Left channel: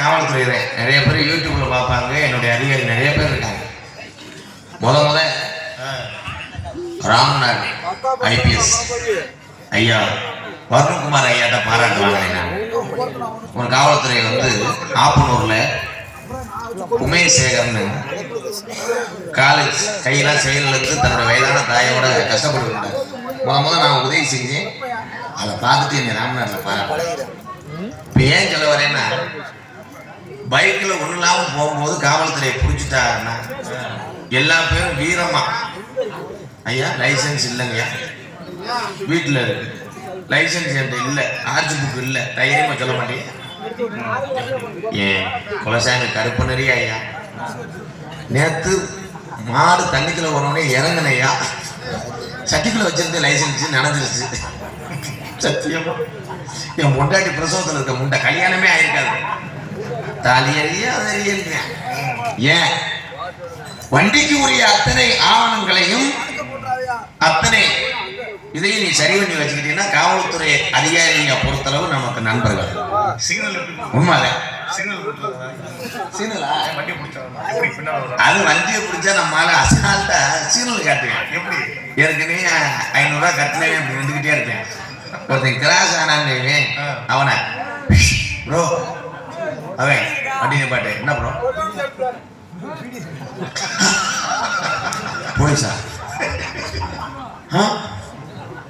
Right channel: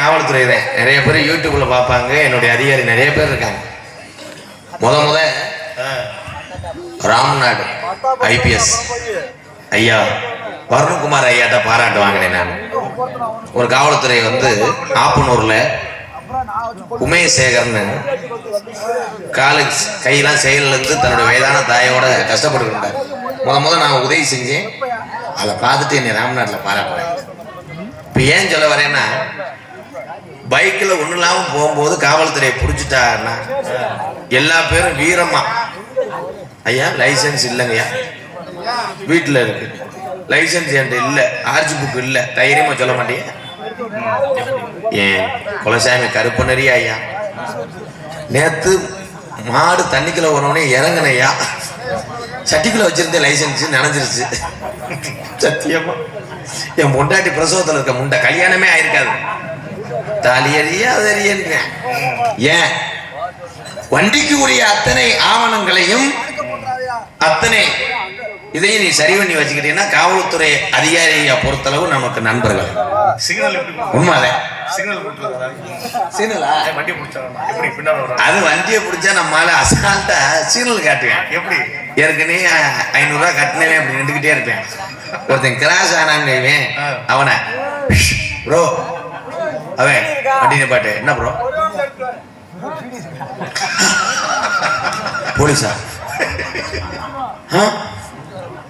காவல்துறை தான் நிறைய பேர் யூடியூப்ல பார்ப்பாங்க. என்னுடைய அதிகாரி நிறைய பேர் இருக்காங்க. முத ராம்நாடு ஐபிஎஸ் ஐயா வருண்குமார் ஐயாட்ட பாராட்டு வாங்கினேன். நான் ஒரு காவல்துறை ஆப்பனூர்ல உமேசேகர்னு காலேஜ் கையெல்லாம் செயல் இருந்து தன்னோட வயதான தாயோட கஷ்டப்பட்டு நான் உதவி செஞ்சேன். அதை பார்த்துட்டு என்னை ராம்நாட்டில் பாராட்டுறேன். இப்போ ஏன் சொல்ல வரேன்னா, பைக்கில் ஒன்றும் இல்லாமல் போகும்போது காவல்துறையை பிடிச்சிட்டாங்கன்னா எல்லா பேரும் வீரமா ஐயா லைசன்ஸ் இல்லைங்கய்யா, வீட்டில் இருக்கு லைசன்ஸ் என்கிட்ட இல்லை, ஆர்ஜி புக் இல்லை, தைரியமா சொல்ல மாட்டேன். ஏன் குலசாமி கருப்பனரி ஐயா நேத்து மாடு தண்ணிக்குள்ள வரவனே இறங்கினையா, சட்டிக்குள்ள வச்சிருந்த லைசன்ஸ் நினைஞ்சிருச்சு. சத்தியமா என் முண்டாட்டி பிரசவத்தில் இருக்க முண்டை கல்யாணமே ஆயிருக்காது. தாலியறியா அதறியங்க. ஏன் வண்டிக்கு உரிய அத்தனை ஆவணங்களையும் அத்தனை இதையும் நீ சரி பண்ணி வச்சுக்கிட்டீங்கன்னா காவல்துறை அதிகாரியை பொறுத்தளவு நமக்கு நண்பர்கள். உண்மைதான். அது வண்டியை பிடிச்சா நம்மளால அசால்ட்டா சிக்னல் காட்டுவேன். எப்படி ஏற்கனவே 500 ரூபாய் கட்டினவே அப்படி நின்றுகிட்டே இருப்பேன். ஒருத்தன் கிராஸ் ஆனான்னு அவனை ப்ரோ அவன் வண்டி பாட்டு என்ன ப்ரோ போலீஸா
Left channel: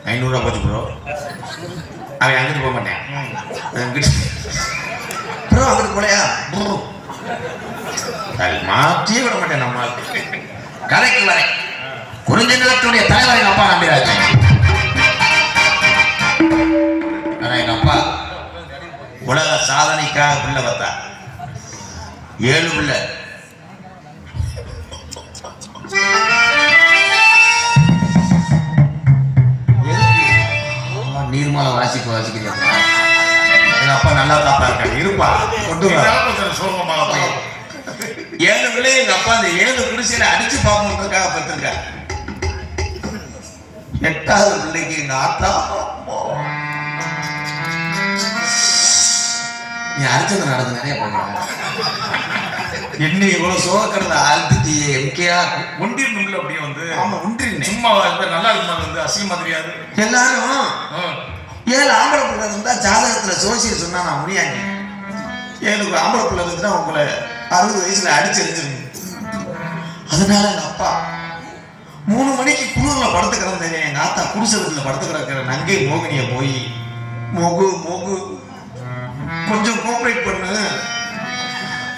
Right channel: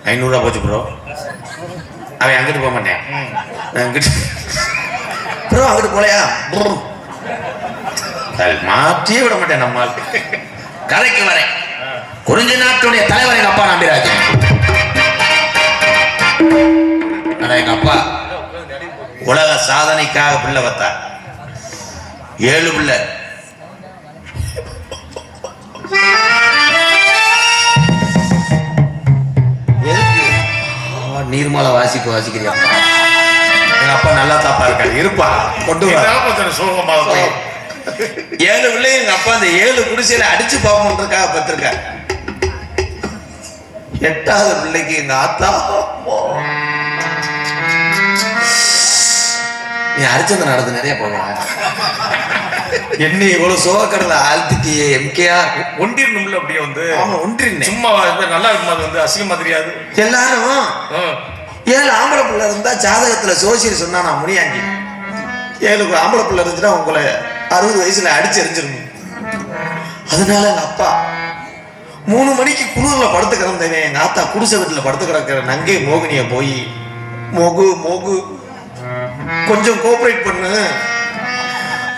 500 ரூபா போச்சு ப்ரோ. அவன் அங்கிட்டு போக மாட்டேன், அங்கிட்டு ப்ரோ அங்கிட்டு போலையா மாற்றியே விட மாட்டேன். நம்மால் கரைக்கு வரேன். குறிஞ்ச நாட்டுடைய தலைவரை எங்க அப்பா நம்பிராஜ். எங்க அப்பா உலக சாதனைக்காக பிள்ளை வந்தார். 7 பிள்ளை. நீர்மலை வாசிக்கிறியா? எங்க அப்பா நல்லா தாப்பா இருக்காரு, இருப்பா கொண்டு 7 பிள்ளை. எங்க அப்பா அந்த 7 குடிசையில அடிச்சு பாப்போம்ன்றதுக்காக பத்திருக்காரு. 8வது பிள்ளைக்கு எங்க ஆத்தா நீ அரிச்சந்திரன் நடந்து நிறைய போவாங்க. என்ன இவ்வளவு சோகக்கிறத ஆழ்த்திட்டியே எம்கேஆர் ஒன்றிருந்தும்ல அப்படியே ஒன்றிருந்தேன். சும்மா நல்லா இருக்கும், அசிங்கமா தெரியாது. எல்லாரும் 7 ஆம்பளை பிள்ளை இருந்தா ஜாதகத்துல சோசியல் சொன்னா நான் முடியாங்க. 7 ஆம்பளை பிள்ளை இருந்துச்சுன்னா உங்களை 60 வயசுல அடிச்சு எரிஞ்சிருக்கும். அதனால எங்க அப்பா 3 மணிக்கு குளிர்ல படுத்து கிடந்தேன். எங்க ஆத்தா குடிசை வீட்டுல படுத்து கிடக்கிற நங்கை மோகினிய போய் மோகு கொஞ்சம் கோஆபரேட் பண்ணு,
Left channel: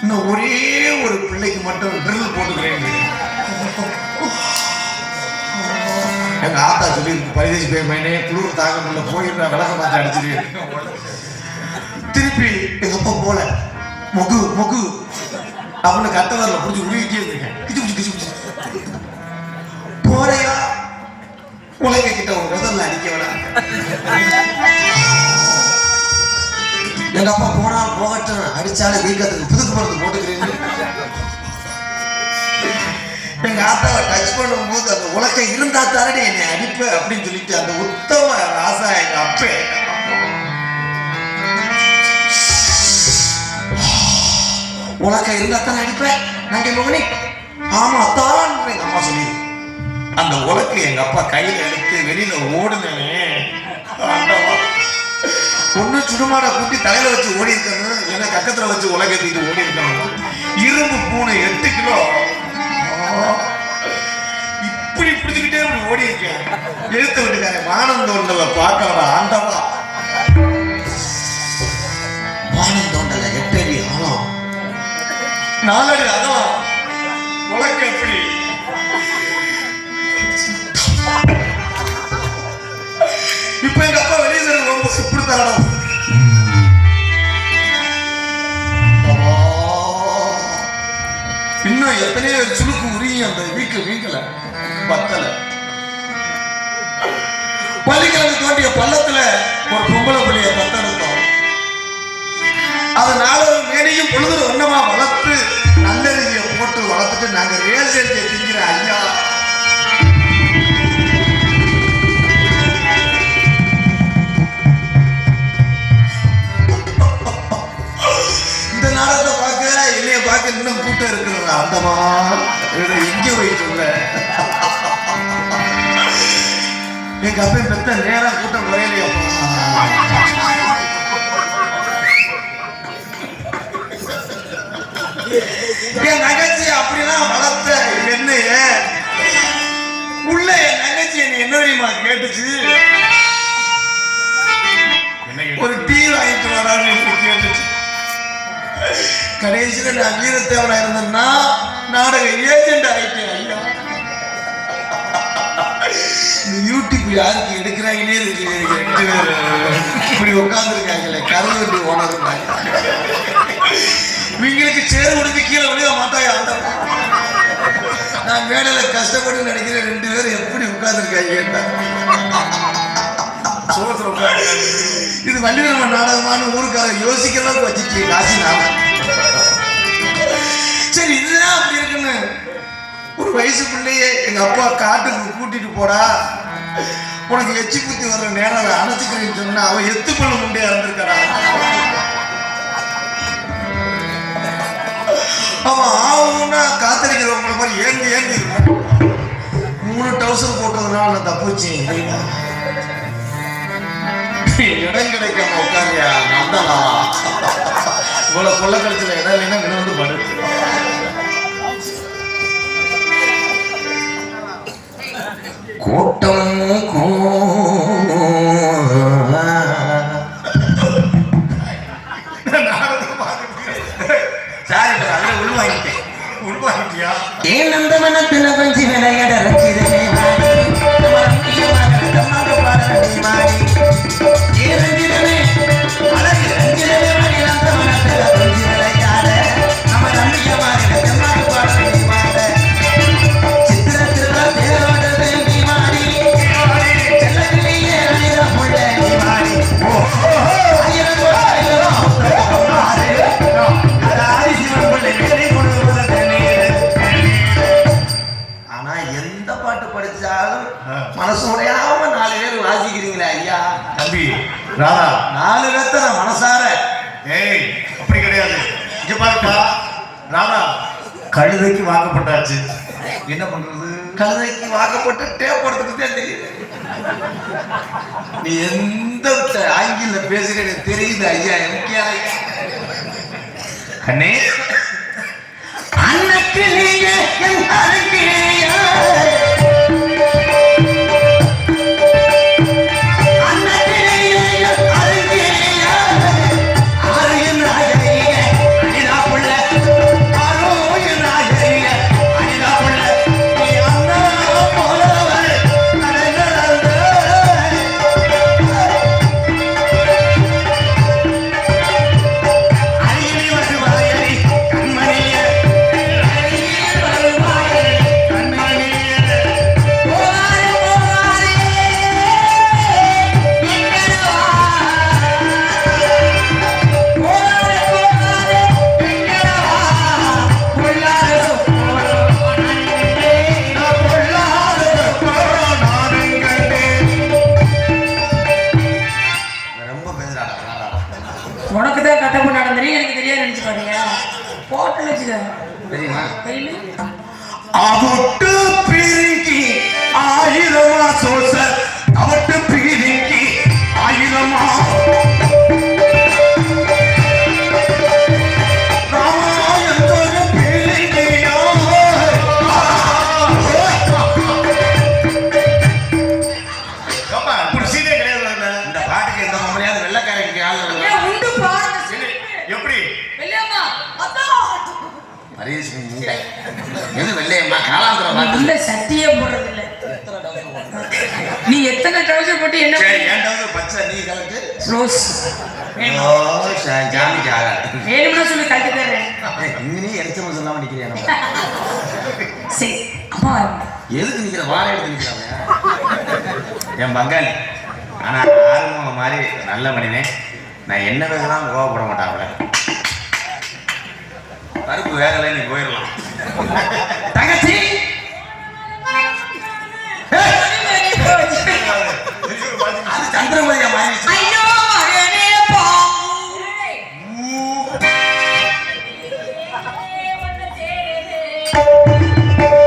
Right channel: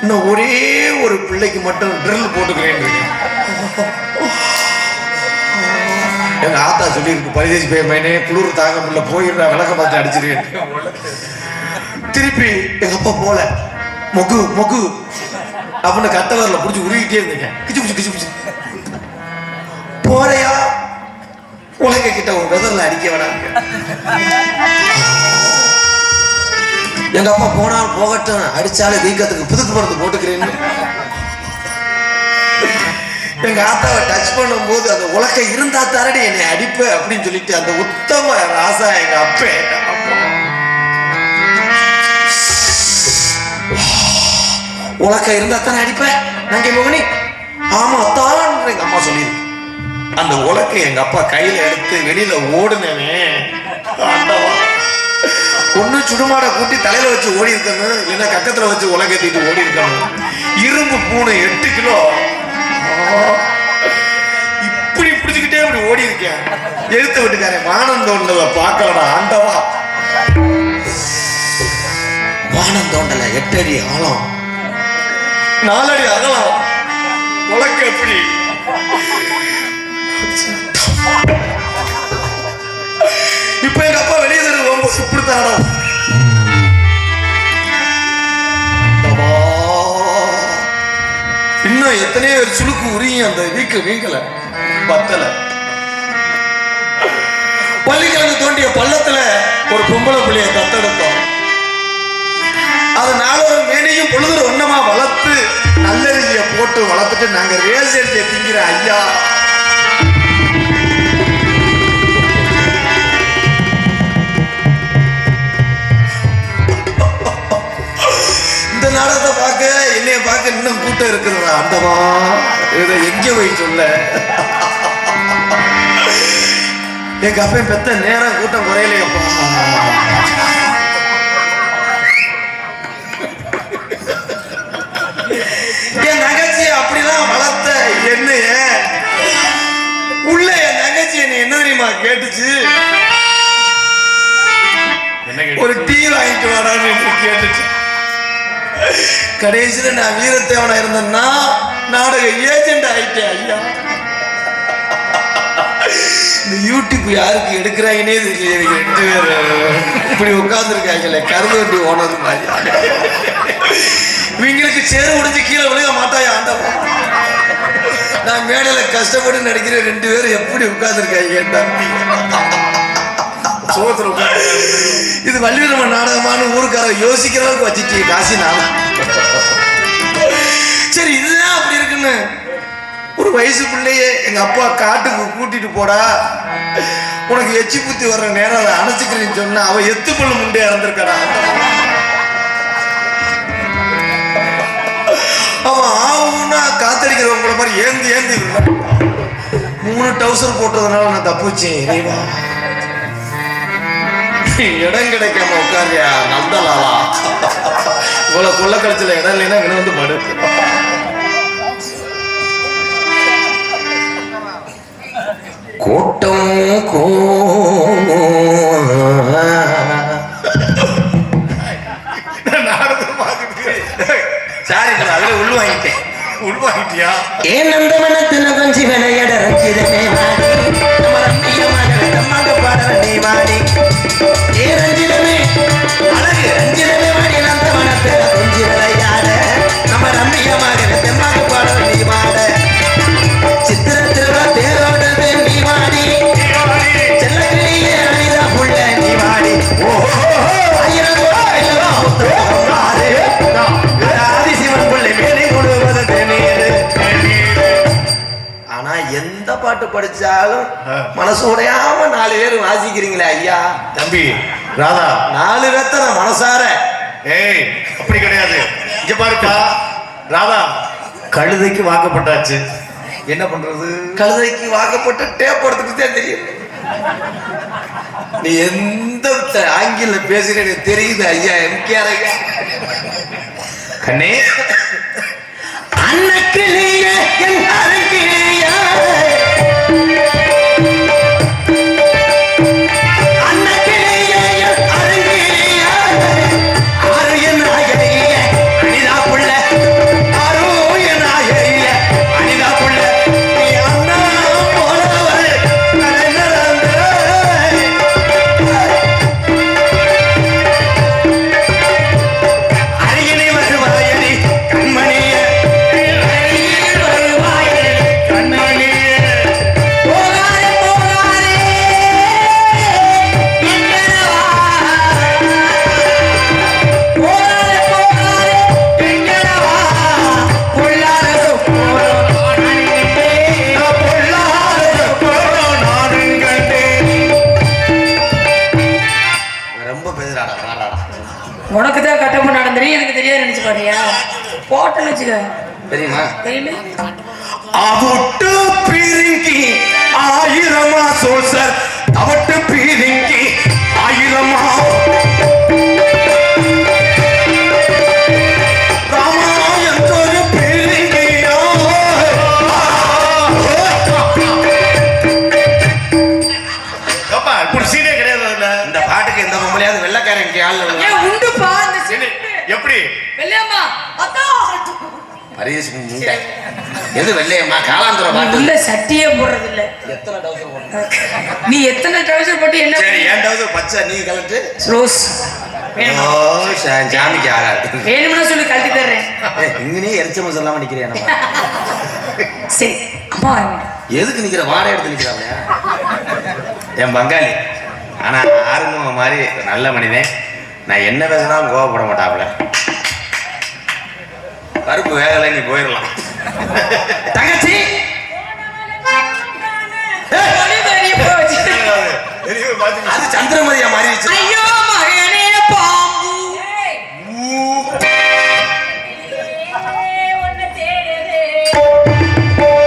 இன்னும் ஒரே ஒரு பிள்ளைக்கு மட்டும் ட்ரில் போட்டுக்கிறேன். எங்க ஆத்தா சொல்லியிருக்கு, பரிதேசி பேர்மேனே குளிர் தாங்க முடியல போயிடுறா விளக்க பார்த்து அடிச்சிருக்கேன். திருப்பி எங்க அப்பா போல மொகு அவனை கட்டவரில் பிடிச்சி உருகிட்டே இருந்தேன். கிச்சு போறையா உலக கிட்ட ஒரு விதல்ல அடிக்க வேணாங்க. எங்க அப்பா போனால் போகட்டும், அடிச்சாலே வீக்கத்துக்கு புதுக்கு மருந்து போட்டுக்கிறேன்னு. எங்க ஆத்தாவை டச் பண்ணும் போது அந்த உலகை இருந்தா தாரடி என்னை அடிப்ப அப்படின்னு சொல்லிட்டு அந்த உத்தம ராசா எங்க அப்பே உலகை இருந்தா தானே அடிப்ப நங்கை மோகினி. ஆமா அத்தான் எங்க அம்மா சொல்லி அந்த உலகை எங்க அப்பா கையில எடுத்து வெளியில ஓடுனே. ஒண்ணு சுடுமாட கூட்டி தலையில வச்சு ஓடி இருக்கணும், இல்லைன்னா கக்கத்துல வச்சு உலகத்திட்டு ஓடி இருக்கணும். இரும்பு பூனை 8 கிலோ இப்படி பிடிச்சுக்கிட்டே அப்படி ஓடி இருக்கேன். எழுத்து விட்டுக்காரன் வானம் தோண்டல பார்க்கணும். ஆண்டவா வானம் தோண்டல 8 அடி ஆழம் 4 அடி அகலம். உலகம் எப்படி இப்ப எங்க அப்பா வெளியே ரொம்ப சுப்பிரதானம். இன்னும் எத்தனையோ சுளுக்கு உரியும் அந்த வீங்கல பத்தல. பள்ளிக்கால தோண்டிய பள்ளத்துல ஒரு பொம்பளை பிள்ளைய தத்தெடுத்தோம். அது 4 மேனையும் பொழுது வண்ணமா வளர்த்து நல்லெறிய போட்டு வளர்த்துட்டு நாங்க ரேஸ் எறிய திங்கிற ஐயா. இந்த நாடகத்தை இதை எங்க போய் சொல்ல? எங்க அப்பா பெத்த நேரம் கூட்டம் குறையலையப்பா. என் நகைச்சி அப்படிலாம் வளர்த்த என்னைய உள்ள என் நகைச்சி என்ன தெரியுமா கேட்டுச்சு? ஒரு டீ வாங்கிட்டு வரான்னு கேட்டுச்சு. கடைசியில நான் வீரத்தேவனா இருந்தேன்னா நாடக ஏஜென்ட் ஆயிட்டேன் ஐயா. இந்த யூடியூப் யாருக்கு எடுக்கிறாங்கன்னே தெரியல. எனக்கு 2 பேர் இப்படி உட்கார்ந்துருக்காங்கல்ல, கருங்கட்டி ஓனர் மாதிரி. இவங்களுக்கு சேர் முடிஞ்சு கீழே விளைய மாட்டாயா ஆண்டவன். நான் மேடையில கஷ்டப்பட்டு நடிக்கிற 2 பேரும் எப்படி உட்கார்ந்துருக்காங்க. இது வள்ளிரம நாடகமான ஊருக்கார யோசிக்கிறவங்க வச்சுட்டு காசி நான். சரி, இதுதான் அப்படி இருக்குன்னு ஒரு வயசு பிள்ளையே எங்க அப்பா காட்டுக்கு கூட்டிட்டு போடா, உனக்கு எச்சி புத்தி வர்ற நேரம் அதை அணைச்சிக்கிறேன்னு சொன்னா அவன் எத்து பண்ண முண்டே இறந்திருக்கா. அவன் ஆகும்னா காத்தடிக்கிறவங்கள மாதிரி ஏந்தி 3 டவுசர் போட்டதுனால நான் தப்புச்சேன். இடம் கிடைக்காம உட்காரியா நந்தலா. இவ்வளவு கொள்ள கழிச்சல இடம் இல்லைன்னா இவன் வந்து படுத்து. கூட்டம் சாரி, அதுல உள்வாங்கிட்டியா? ஏன் அந்த மனத்துல கொஞ்சம் விளையாட படிச்சாலும் மனசு உடையாம 4 பேர் வாசிக்கிறீங்களே ஐயா. தம்பி ராதா, 4 பேர்த்த மனசார. ஏய், அப்படி கிடையாது. இங்க பாருப்பா ராதா, கழுதைக்கு வாக்கப்பட்டாச்சு. என்ன பண்றது? கழுதைக்கு வாக்கப்பட்டு டேப் எடுத்துட்டு தெரியும். நீ எந்த ஆங்கில பேசுற தெரியுது ஐயா. எனக்கு ஐயா கண்ணே, அன்னக்கிலேயே என் அரங்கிலேயே தெரியுமா? அவட்டு பீரிங்கி 1000 சொல்ச அவட்டு பீரிங்கி 1000 ராமாயணத்தோட பீரிங்கியோ. அப்பா இப்படி சீனே கிடையாது. இந்த பாட்டுக்கு எந்த பொம்பளையாவது வெள்ளக்காரங்க ஆள் உண்டு பா. எப்படி வெள்ளையம்மா அத்தா பரிசு முண்டை எது வெள்ளையம்மா காலாந்தர பாட்டு உள்ள சட்டியே போடுறது இல்ல. நீ எத்தனை ட்ரவுசர் போட்டு என்ன? ஏன் டவுசர் பச்சை நீ கலட்டு ரோஸ் ஓ ஜாமிக்கு ஆகாது. வேணும்னு சொல்லி கழட்டி தர்றேன். இங்கனே எரிச்சம் சொல்லாம நிக்கிறேன். சரி அம்மா எதுக்கு நிக்கிற? வாடகை எடுத்து நிக்கிறாங்க என் பங்காளி. ஆனா ஆறுங்க மாதிரி நல்ல மனிதன். நான் என்ன பேசினாலும் கோவப்பட மாட்டாப்ல. கருப்பு வேகலை, நீ போயிடலாம். தங்கச்சி அது சந்திரமதியா மாறிடுச்சு. பாம்பு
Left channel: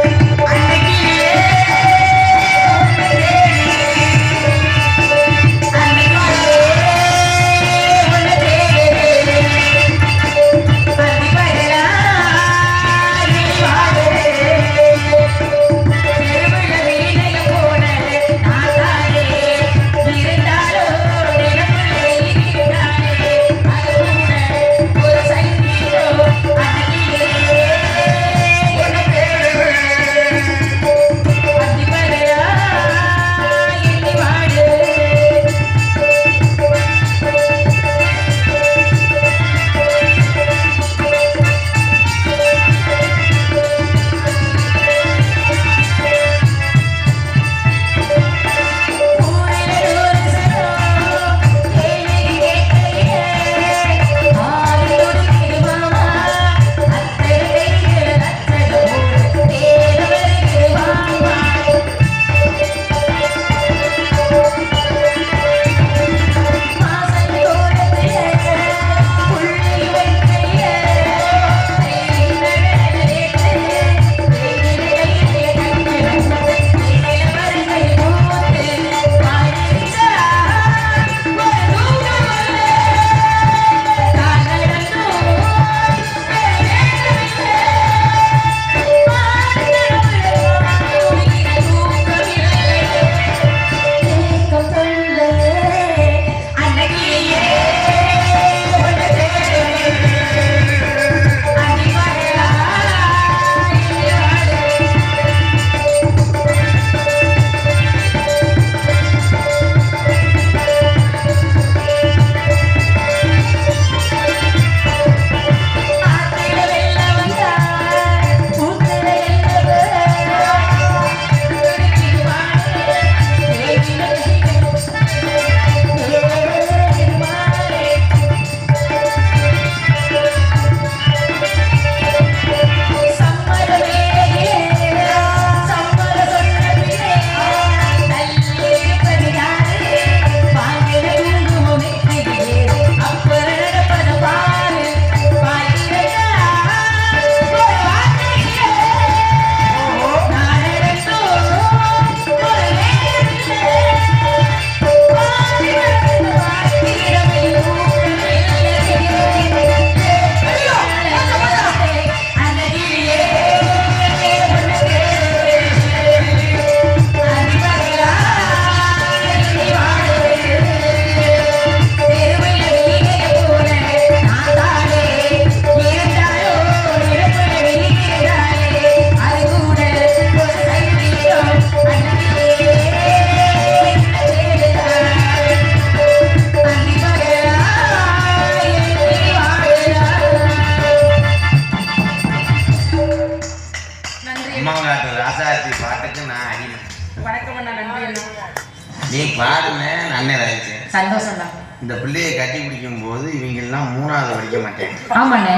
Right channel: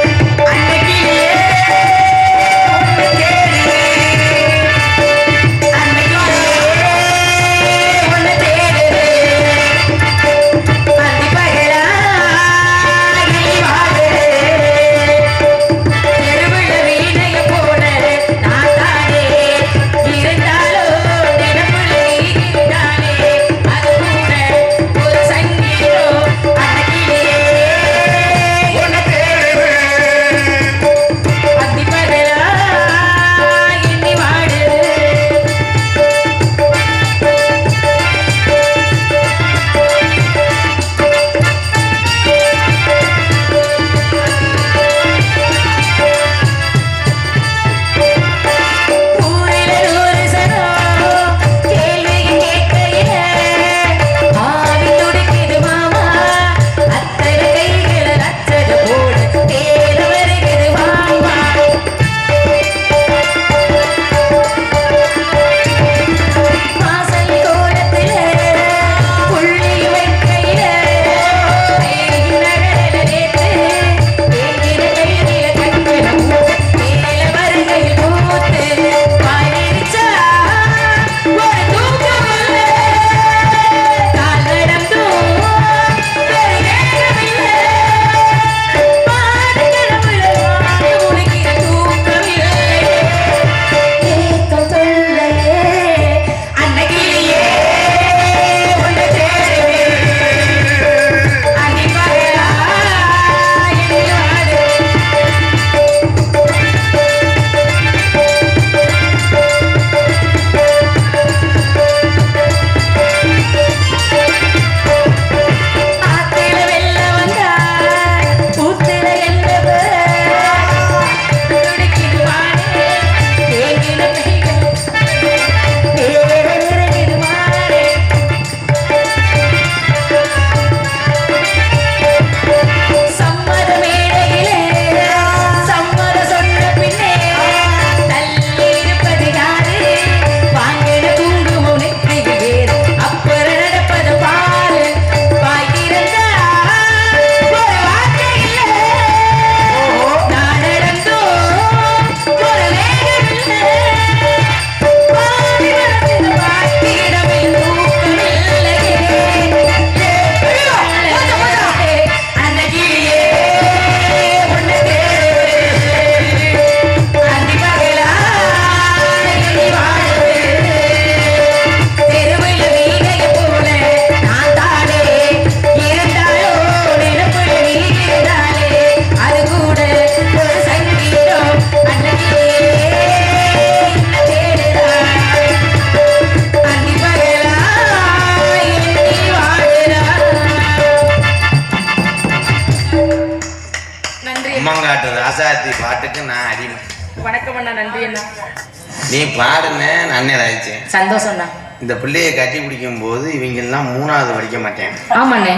நீ பாருன்னு அண்ணன் ஆயிடுச்சேன். சந்தோஷம் தான். இந்த பிள்ளையை கட்டி பிடிக்கும் போது இவங்க எல்லாம் 3வது படிக்க மாட்டேன். ஆமாண்ணே.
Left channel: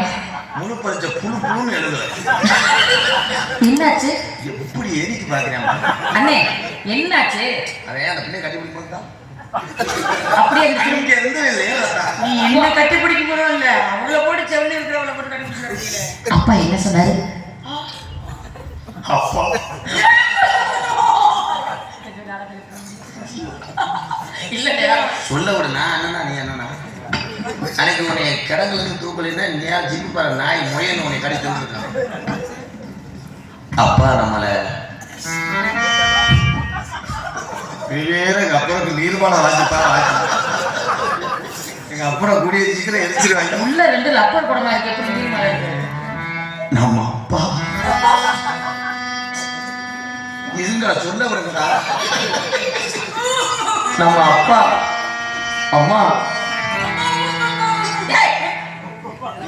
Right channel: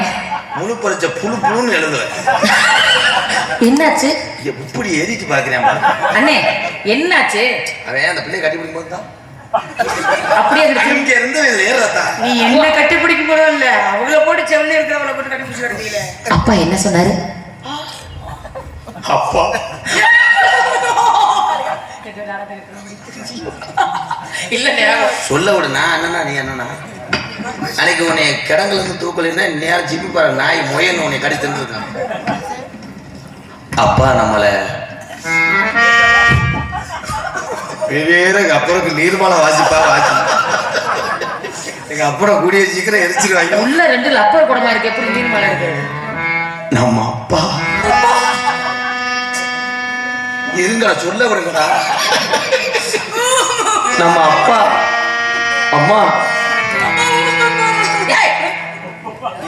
முழு பறிச்ச புழுன்னு எழுதுவேன். என்னாச்சு? எப்படி ஏறிட்டு பாக்குறேன் அண்ணே, என்னாச்சு? அவன் அந்த பிள்ளையை கட்டி பிடிக்கும் போது தான் அப்படியே இங்க இருந்து ஏறாதா. நீ என்ன கட்டி பிடிக்கும் போதும் இல்ல, அவளை போட்டு செவனே இருக்க, அவளை போட்டு கட்டி பிடிச்சு வரீங்களே. அப்பா என்ன சொன்னாரு? அப்பா இல்ல சொல்ல விடுனா அண்ணனா நீ என்னன்னா அன்னைக்கு உன்னை கிடங்குல இருந்து தூக்கலைன்னா நேரம் ஜிப்பி பாரு நாய் முயன் உன்னை கடி தந்துருக்கான். அப்பா நம்மளை வேற எங்க அப்புறம் நீர்பாலம் வாசிப்பா வாசி எங்க அப்புறம் கூடிய சீக்கிரம் எரிச்சிருவாங்க. உள்ள 2 லப்பர் படமா இருக்கு, எப்படி மீன் மேல இருக்கு. நம்ம அப்பா இருங்கடா சொல்ல விடுங்கடா. நம்ம அப்பா அம்மா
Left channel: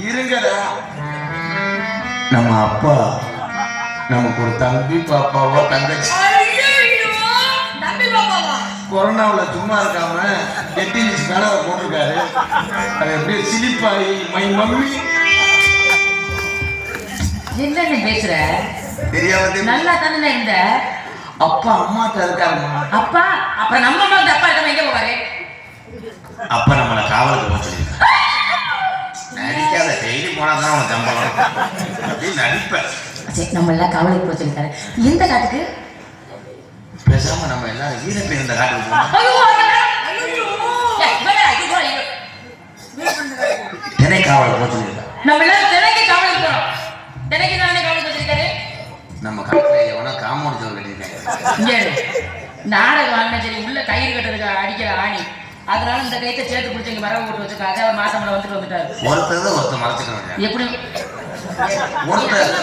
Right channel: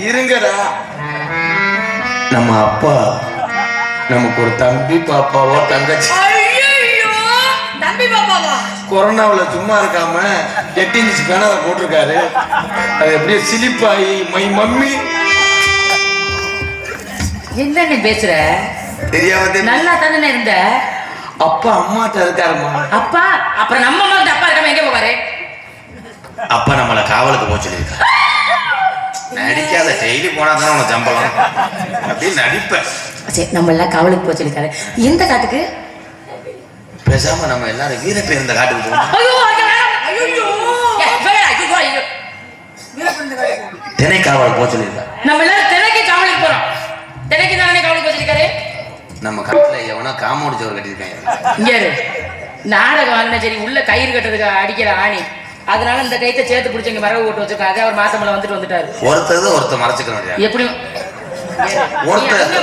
இருங்கடா. நம்ம அப்பா நமக்கு ஒரு தம்பி பாப்பாவோ தங்கச்சி கொரோனாவுல சும்மா இருக்காம 8 இன்ச் பேனாவை போட்டிருக்காரு. அது எப்படியே சிலிப்பாயி மை மம்மி என்னன்னு பேசுற? தெரியாம நல்லா தானே இருந்த. அப்பா அம்மாட்ட இருக்காருமா. அப்பா அப்புறம் நம்ம அம்மா அப்பா இருக்காம எங்க போவாரு? அப்பா நம்மளை காவலுக்கு போக சொல்லியிருக்காரு. நடிக்காத, டெய்லி போனாதான் அவன் சம்பளம் அப்படின்னு நடிப்பேன். சரி, நம்ம எல்லாம் காவலுக்கு போக சொல்லியிருக்காரு. எந்த காட்டுக்கு? பேசாம நம்ம எல்லாரும் வீர பேர் இந்த காட்டுக்கு போகணும். திணை காவலுக்கு போக சொல்லியிருக்காரு. நம்ம எல்லாம் திணைக்கு காவலுக்கு போறோம். திணைக்கு தானே காவலுக்கு போக சொல்லியிருக்காரு. நம்ம காட்டுல எவனோ காமோடு சோறு கட்டியிருக்காங்க. இங்க நாடகம் வாங்கின சரி, உள்ள கயிறு கட்டுறதுக்கு அடிக்கிற ஆணி, அதனால இந்த கைத்தை சேர்த்து பிடிச்சவங்க மரவு ஓட்டு வச்சிருக்காங்க. அவர் மாசமல வந்துட்டாரு. ஒருத்தர் மறைச்சுக்க முடியாது. எப்படியும்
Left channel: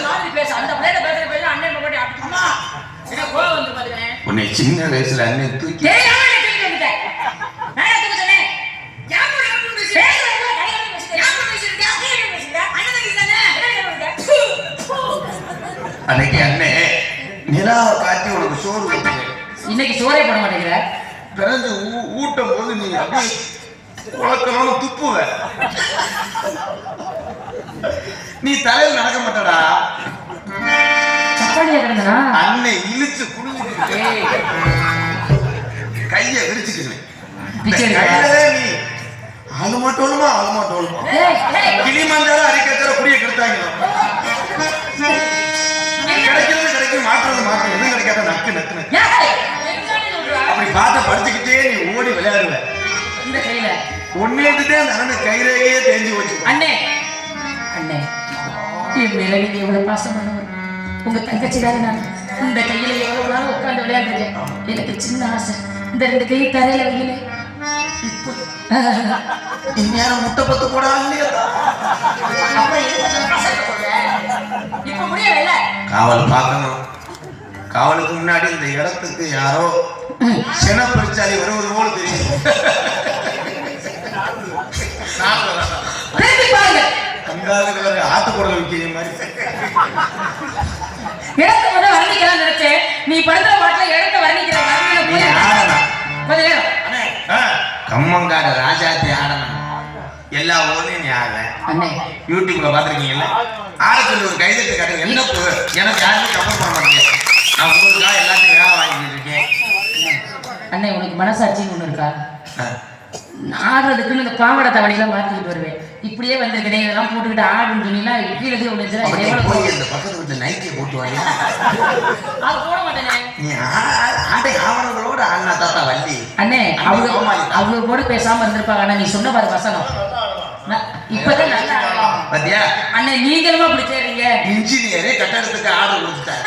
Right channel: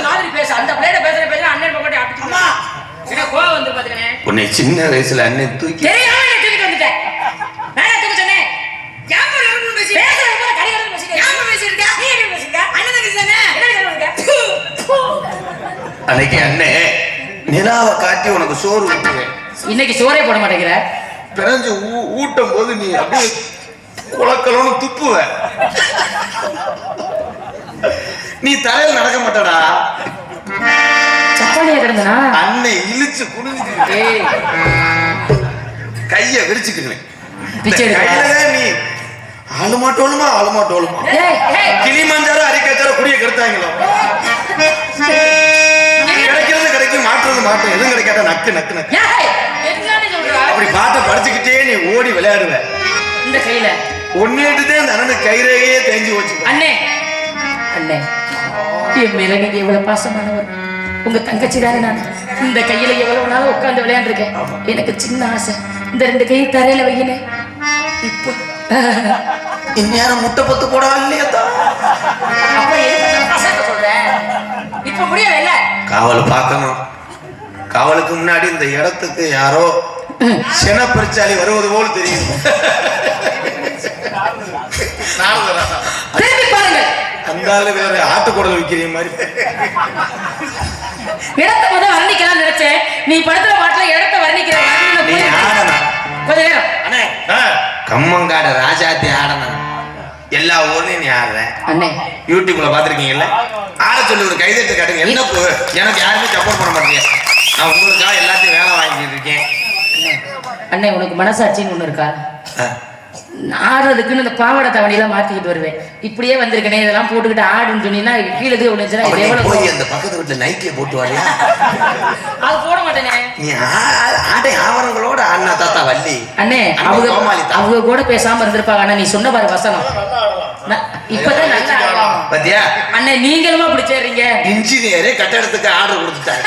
மாதிரி பேச அந்த பிள்ளைய பேச அண்ணன் போட்டு அடிச்சுமா என்ன கோவம் வந்து பாத்துக்கனே. உன்னை சின்ன வயசுல அண்ணன் தூக்கி வந்துட்டேன். நான் தூக்கி சொன்னேன். யாம யாம பேசி பேசுறத கடிகாரம் பேசிங்க. யாம பேசிருக்க நீ என்ன பேசிங்க? அண்ணன் பேசினே என்ன சொல்றீங்க? அன்னைக்கு அண்ணே நிலாவை காட்டி உனக்கு சோறு ஊட்டுவேன். இன்னைக்கு சோறே போட மாட்டேங்கிற. பிறந்து ஊட்டும் போது நீ அப்படியே குளக்கலன்னு துப்புவ. நீ தலையில் நடக்க மாட்டடா. சப்பானியா கிடந்தனா அன்னை இழுச்சு குடிஞ்சு கைய விரிச்சுக்குவேன். நீ ஆளு மாட்டோலுமா கிளி மாந்தாலும் அடிக்கத்தார குடிய கெடுத்தாங்களா? கிடைக்கும் மாற்றம் எதுவும் கிடைக்காத நக்கு நக்கு நக்கு அப்படி பாட்ட படிச்சுக்கிட்டே நீ ஓடி விளையாடுவ. இந்த கையில ஒன்னேட்டுதான் அந்த அண்ணன் கையிலேயே தேஞ்சு வச்சு. அண்ணே அண்ணே, என் மேல நீங்க எவ்வளவு பாசமானவர். உங்க தங்கச்சிக்காக நான் இந்த கையில எவ்வளவு நாள் உட்கார்ந்து விளையாண்டுருக்கேன். எனக்கு சின்ன ஆசை, இந்த 2 கையை தரையில வையினே. இப்போ இந்நேரம் முட்டை பத்து போடவே இல்லையா? இப்ப முடியல. காவல் பார்க்கணும். காவலுக்கு முன்னாடி இந்த இடத்துக்கு யாரோ சென பரிச்சாலி வருவது போல் தெரியும். அந்த வேற ஆட்டுக்குடல் விற்கிற மாதிரி இடத்தை கொஞ்சம் வர்ணிக்கலாம் நினைச்சேன். நீ படுத்துற பாட்டுல இடத்தை வர்ணிக்கிற கொஞ்ச நேரம் கம்மங்காடு ராஜாத்தி ஆடணும். எல்லா ஊர்லயும் நீ ஆடுற. அண்ணே யூடியூப்ல பாத்திருக்கீங்கல்ல, ஆட சொல்லி ஒரு கைதட்டு காட்டுங்க. என்ன எனக்கு யாருமே சப்போர்ட் பண்ண மாட்டேங்க. நான் உங்களுக்காக எல்லாத்தையும் வேலை வாங்கிட்டு இருக்கேன். அண்ணே, உனக்கு மனசாட்சின்னு ஒண்ணு இருக்கா? ஆடுறதுக்குன்னு இந்த பாவாடை தவணையெல்லாம் மாத்திக்கிட்டு வருவேன். இப்படியே வந்திருக்கனே, இதெல்லாம் போட்டுக்கிட்டு ஆடுன்னு சொன்னீங்கன்னா கீழே விழுந்துச்சுன்னா போய் அந்த பக்கத்து வீட்டுல நைட்டியை போட்டு வாங்க. அது போட மாட்டேனே. நீ ஆடை ஆவணங்களோட அண்ணா தாத்தா வள்ளி. அண்ணே, அவங்க கூட பேசாம இருந்திருப்பாங்க. அண்ணா நீ சொன்ன பாரு வசனம் இப்பதான் நல்லா பாத்தியா? அண்ணே, நீங்களும் அப்படி சேர்றீங்க. இன்ஜினியரே கட்டடத்துக்கு ஆர்டர் கொடுத்துட்டாங்க.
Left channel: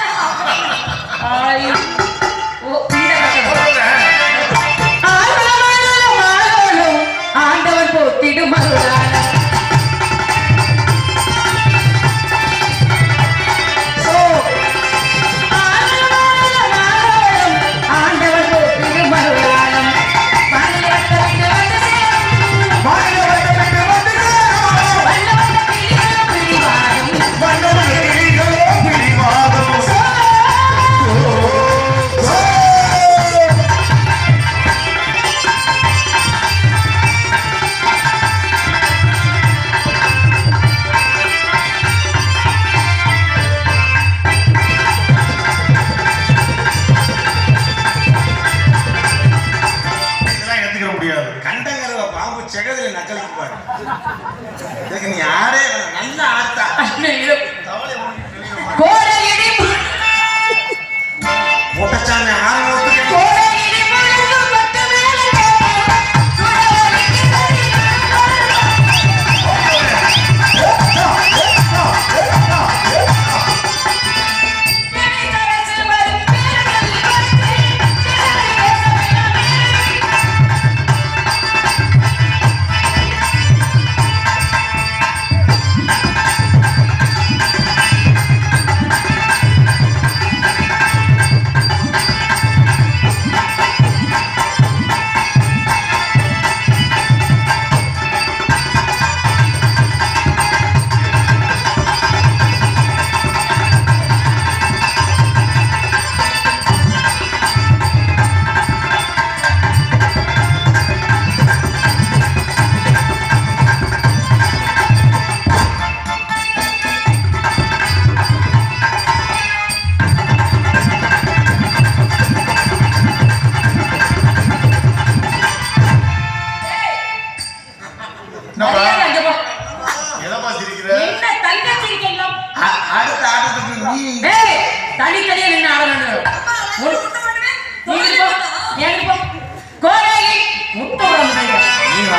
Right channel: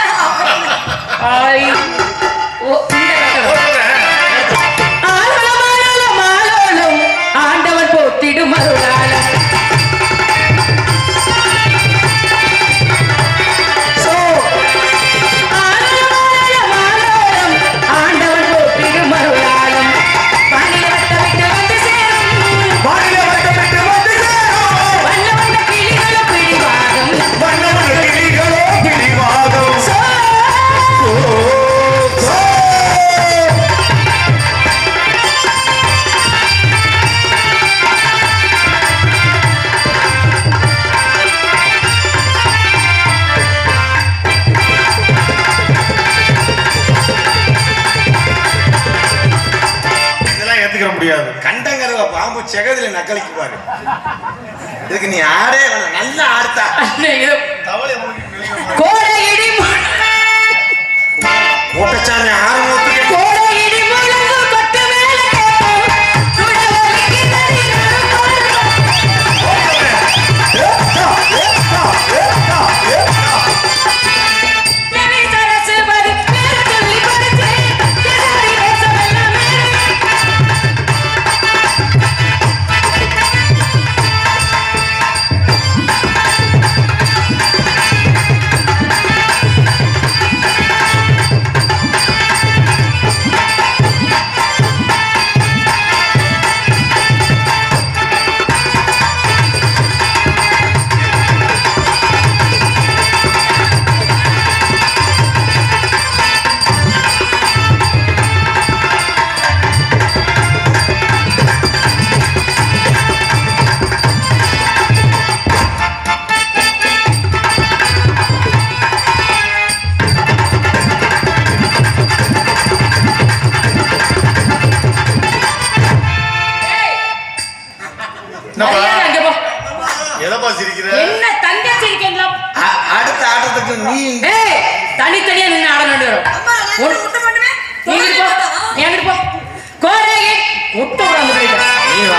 ஆண்டவர் போத்திடும் இதுக்கு நீ ஆடே வேணாம். நல்லா ஆடுத்தா. அண்ணே, ஏதோ கோடையிடி கோட்டச்சாமி ஆரம்பத்துக்கு கோடையிடி முழங்கு கொட்டு மேலே என்னை தரசுவது பேரத்தில் கொடுத்து மரியாதை அங்க போ. எதப்பா சிரிக்கிற? என்ன தங்கச்சி இருக்கீங்களா? அடுத்த ஆட்டத்துக்கு நீ ஏய், தனித்தனியா நின்னு ஆட வேண்டும். நீ இங்கிட்டு போ, நீ அங்கிட்டு போ. கோடையை ஒட்டு வந்து போயிட்டு. நீ வா.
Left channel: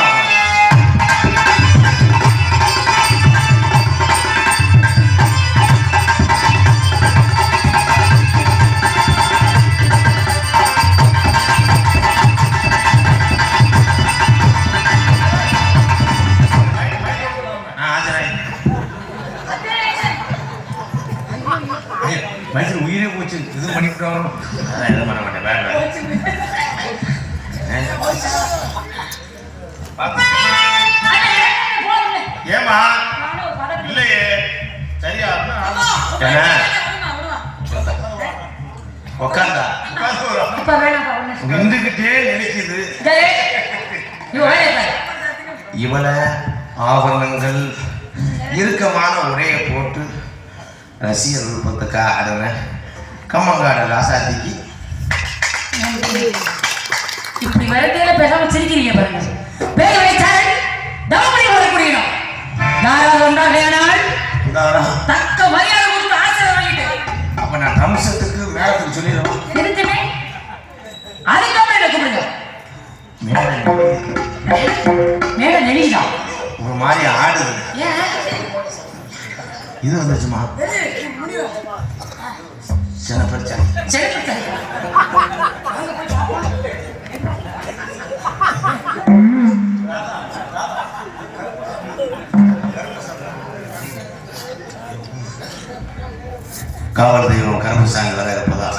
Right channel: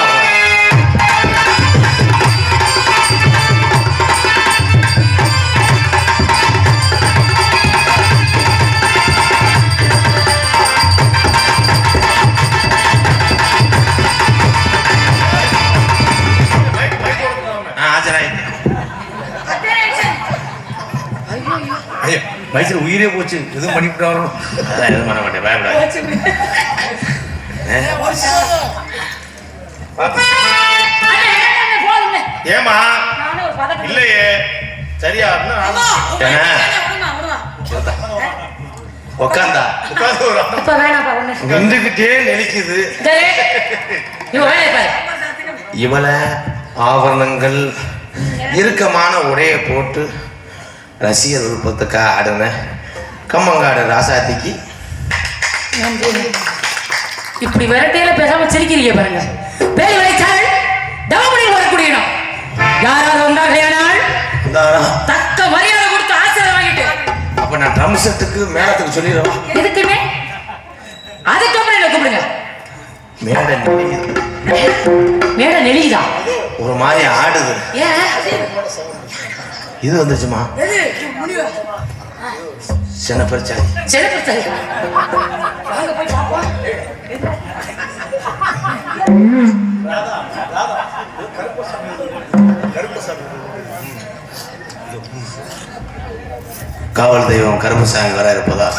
மைசூர் உயிரே போச்சு. எதுவும் பண்ணிவிட்டாலும் அதான் எதுவும் பண்ண மாட்டேன். பயப்படாத. போதும்ல. ஏமா நானும் ஒரு பதட்டம். இல்லையே சரியா உக்காந்தா உட்காந்து ஒரு இப்ப வேணாம்ப்பா, ஒண்ணு. நின்றுகிட்டே நெளிக்குது. டேய், நீ ஒரு வேலையை பாரு. இவளை ஆவணங்கள் இறுக்கமான உடைய போட்டு ரசிகர் விருப்பத்துக்காக ஆடுன கம்மங்காடு ராசாத்திக்கு இப்படி விரட்டையில பேசாம சிரிக்கிறீங்க பாருங்க. பேர் வைத்தால் டவுனில் வரக்கூடியணும். யாராவது ஒன்றாக தக்க மரியாதை கொடுத்து ஆசிரியர் வாங்கிட்டு அப்ப நான் ட்ரம் செட்டுக்கு மேளத்துக்கு சொல்லிடுவேன். இருக்குன்னு அதுக்கப்புறம் என்ன கூப்பிடுங்க. மேடை மேல நெளிதா ஒரு மாதிரி ஆடுது. ஏன் இது வந்துச்சுமா சின்ன பிரச்சனை. சிறப்பு காவல் தெய்வம் கருப்புசாமி வர இருப்பதா